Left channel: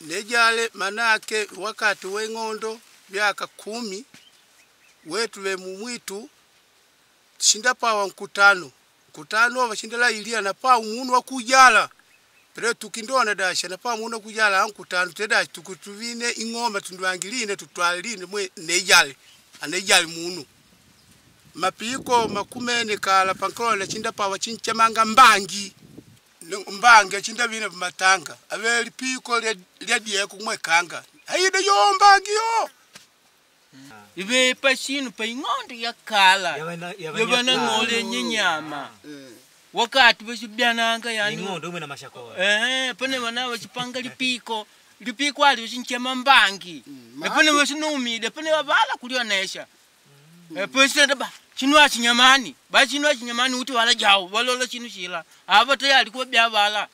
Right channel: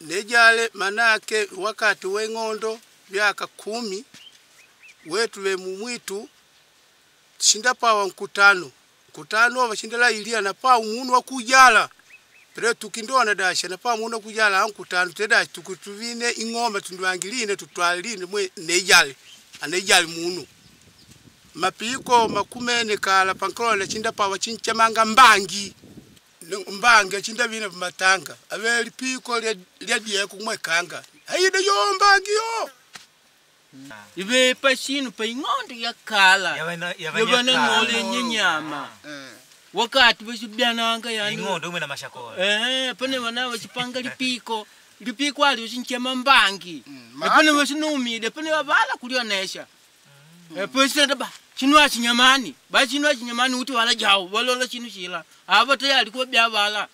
nejale manake wakati weng'ondo byaka 10 wetu we mumwitu shinda pawa nkutano washindala ilia na pa umuntu wakujala pero tukindona dasha na pa umuntu wakujala nkutano teda tukutuvine ingoma tundwangiline tutwaline mwe nejale anejale munu mapiko makumene kala pankrola chinda pawa chinchamanga mbangi chinda bine matanga abeli piko lya dieko kumwekanga hayide yo mbangi yo ibe pashinu pa ing'ondo ya kala yabana ngole nyenyama wakati basibyananga yani ing'ondo umwe na mashako pane wana bachipanga lipiko ali bachinchema mbangi pane basinumide pane babala kulionesha pese ndaba chinwa chinyamani uti wala jawo balola chinu chila aba tayali ko byabala